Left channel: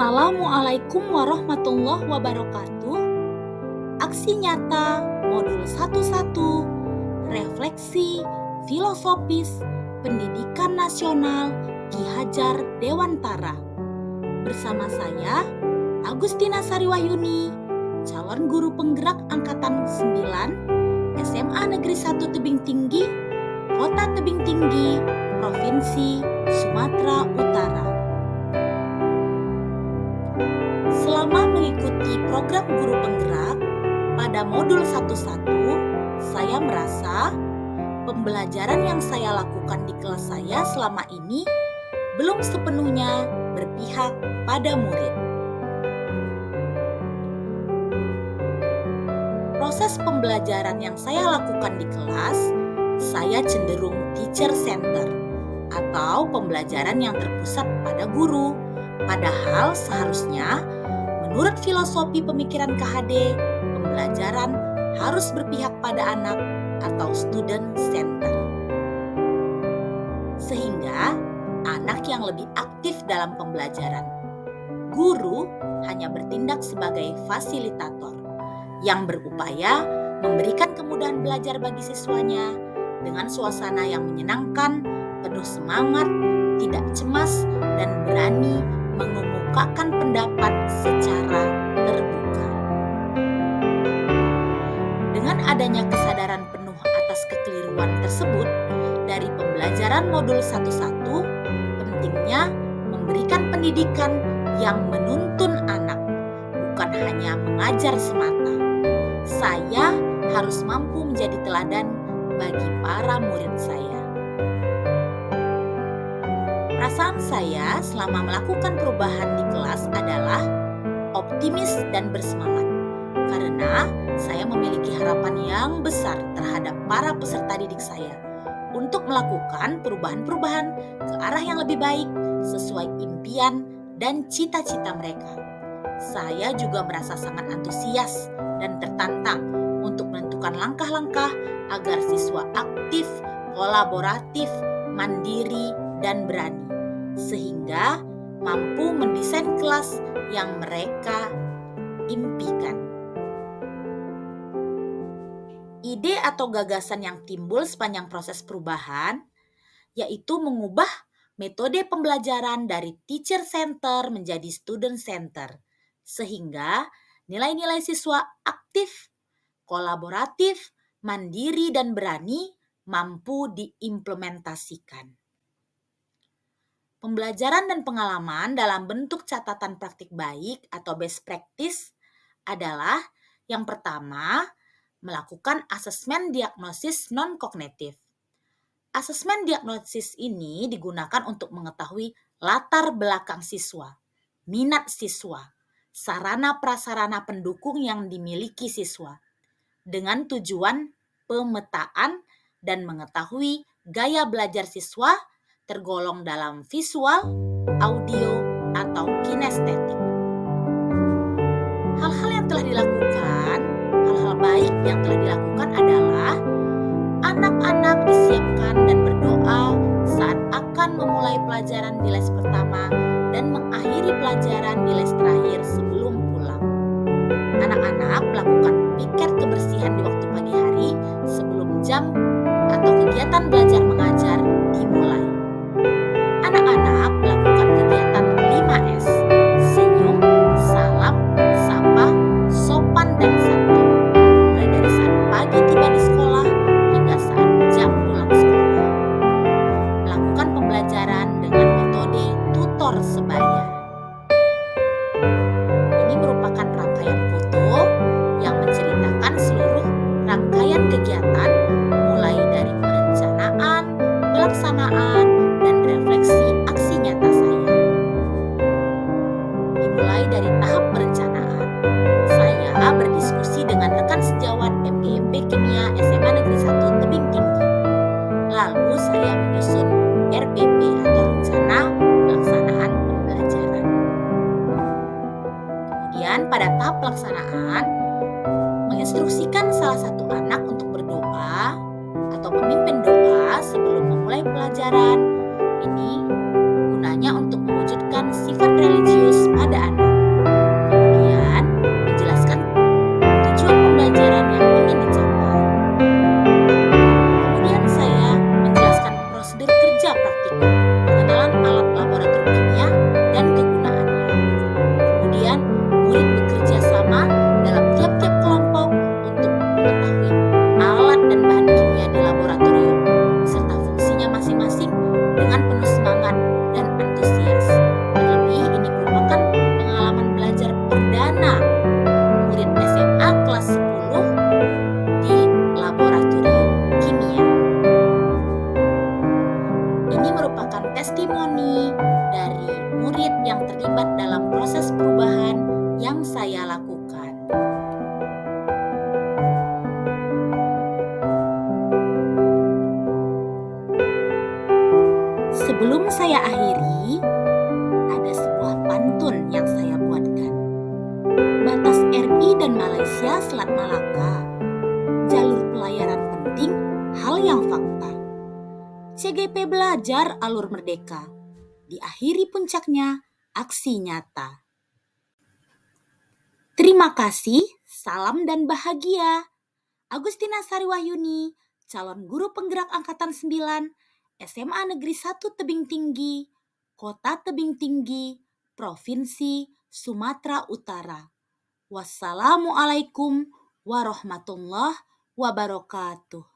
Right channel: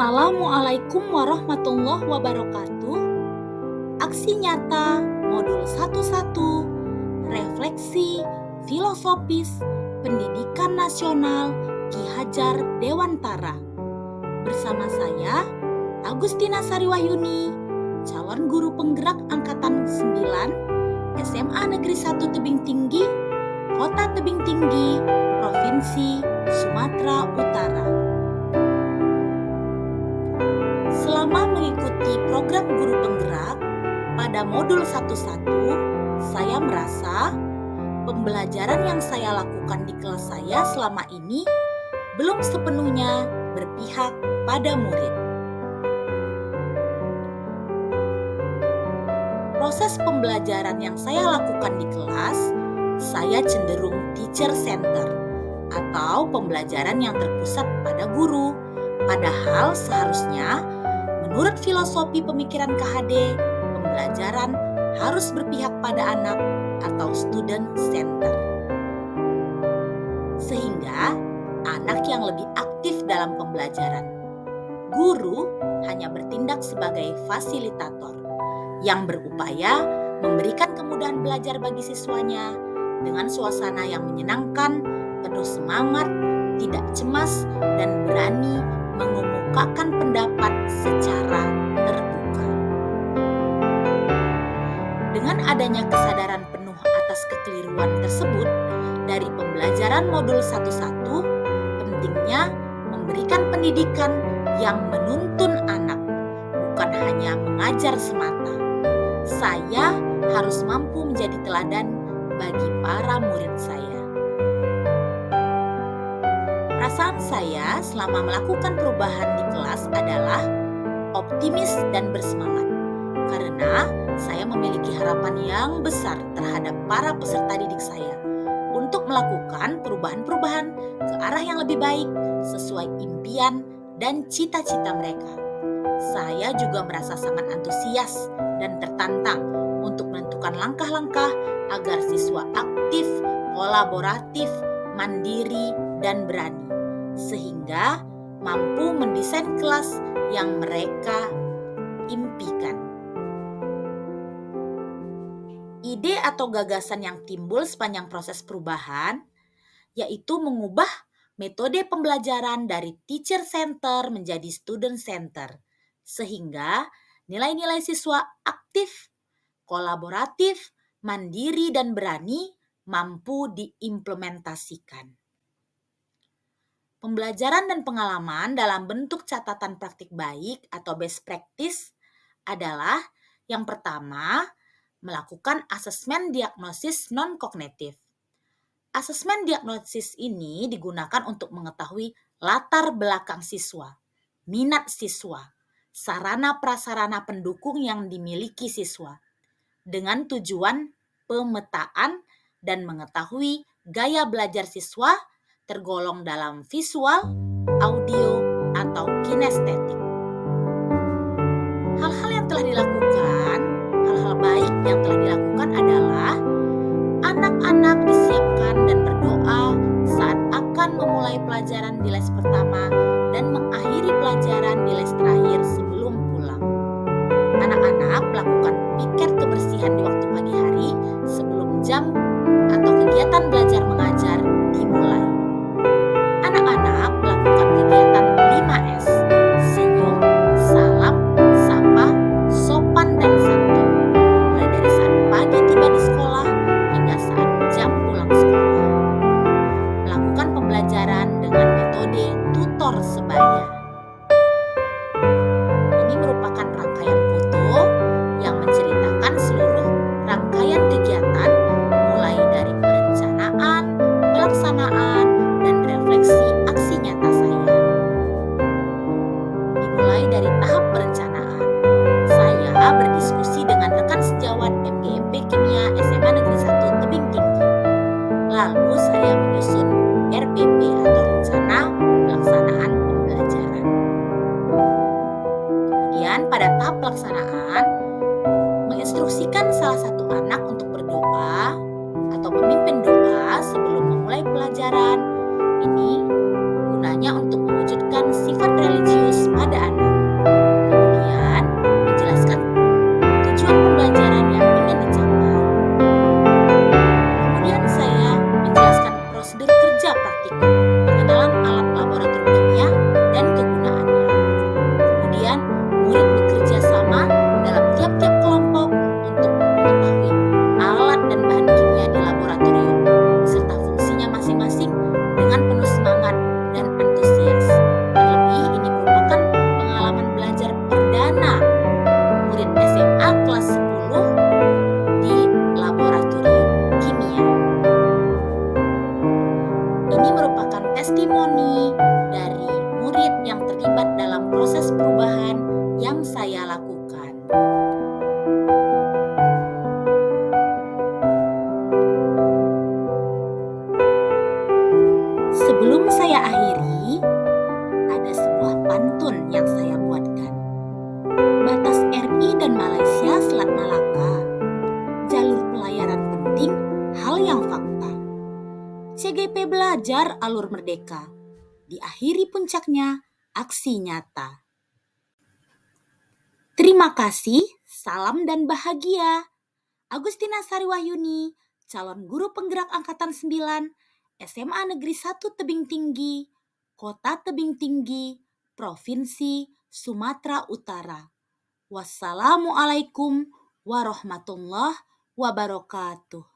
Assalamualaikum warahmatullahi wabarakatuh. Aksi nyata modul 11, refleksi filosofis pendidikan nasional Ki Hajar Dewantara. Bersama saya Agustina Sariwahyuni, calon guru penggerak angkatan 9 SMA Negeri 1 Tebing Tinggi, Kota Tebing Tinggi, Provinsi Sumatera Utara. Selama mengikuti program guru penggerak pada modul 11, saya merasa pembelajaran yang saya lakukan di kelas saya selama ini belum sepenuhnya berpihak pada murid. Proses pembelajaran yang saya lakukan di kelas, saya cenderung teacher center atau pembelajaran yang terpusat pada guru. Padahal seharusnya menurut filosofi pemikiran KHD, pembelajaran harus berpihak pada anak atau student center. Sehingga anak yang lebih aktif dalam pembelajaran. Guru hanya bertindak sebagai fasilitator yang berupaya memberikan kemudahan belajar bagi siswanya dengan suasana yang menyenangkan, penuh semangat, tidak cemas, dan berani mengemukakan pendapat secara terbuka. Dengan adanya kesadaran penuh atas kekeliruan tersebut, dari pembelajaran modul 11, pentingnya memberikan pendidikan yang menuntun anak, bukan hanya mengajar semata. Saya harus mampu menjadi teladan bagi para murid saya. Perasaan saya selama melakukan perubahan di kelas adalah optimis dan bersemangat, karena saya memiliki harapan yang besar terhadap para peserta didik saya untuk melakukan perubahan-perubahan ke arah yang lebih baik sesuai impian dan cita-cita mereka. Saya juga merasa sangat antusias dan tertantang untuk menentukan langkah-langkah agar siswa aktif, kolaboratif, mandiri, dan berani, sehingga mampu mendesain kelas yang mereka impikan. Ide atau gagasan yang timbul sepanjang proses perubahan yaitu mengubah metode pembelajaran dari teacher center menjadi student center, sehingga nilai-nilai siswa aktif, kolaboratif, mandiri, dan berani mampu diimplementasikan. Pembelajaran dan pengalaman dalam bentuk catatan praktik baik atau best practice adalah yang pertama, melakukan asesmen diagnosis non-kognitif. Asesmen diagnosis ini digunakan untuk mengetahui latar belakang siswa, minat siswa, sarana prasarana pendukung yang dimiliki siswa, dengan tujuan pemetaan dan mengetahui gaya belajar siswa tergolong dalam visual, audio, atau kinestetik. Hal-hal baik yang telah dilakukan adalah anak-anak disiapkan dan berdoa saat akan memulai pelajaran di les pertama dan mengakhiri pelajaran di les terakhir sebelum pulang. Anak-anak melakukan piket kebersihan di waktu pagi hari sebelum jam atau kegiatan belajar mengajar dimulai. Anak-anak melakukan kegiatan 5S, senyum, salam, sapa, sopan, dan santun, mulai dari saat pagi tiba di sekolah hingga saat jam pulang sekolah. Melakukan pembelajaran dengan metode tutor sebaya. Ini merupakan rangkaian foto yang menceritakan seluruh rangkaian kegiatan mulai dari perencanaan, pelaksanaan, dan refleksi aksi nyata saya. Dimulai dari tahap perencanaan, saya berdiskusi dengan rekan sejawat MGMP Kimia SMA Negeri 1 Tebing Tinggi. Lalu saya menyusun RPP atau rencana pelaksanaan pembelajaran. Kemudian pada tahap pelaksanaan, menginstruksikan salah satu anak untuk berdoa atau memimpin doa sebelum memulai pelajaran. Ini gunanya untuk mengucapkan mewujudkan sifat religius pada anak. Kemudian, menjelaskan tujuan pembelajaran yang ingin dicapai. Kemudian saya menjelaskan prosedur kerja praktikum, pengenalan alat laboratorium kimia dan kegunaannya. Kemudian, murid bekerja sama dalam tiap-tiap kelompok untuk mengetahui alat dan bahan kimia di laboratorium serta fungsinya masing-masing dengan penuh semangat dan antusias. Terlebih ini merupakan pengalaman belajar perdana murid SMA kelas 10 di laboratorium kimia. Ini merupakan testimoni dari murid yang terlibat dalam proses perubahan yang saya lakukan. Sebelum saya akhiri, ada sebuah pantun yang saya buatkan. Batas RI dan Malaysia Selat Malaka, jalur pelayaran penting, hal yang fakta. CGP belajar alur merdeka, diakhiri puncaknya aksi nyata. Terima kasih, salam dan bahagia. Agustina Sari Wahyuni, calon guru penggerak Angkatan 9, SMA Negeri 1 Tebing Tinggi, Kota Tebing Tinggi, Provinsi Sumatera Utara. Wassalamualaikum warahmatullahi wabarakatuh.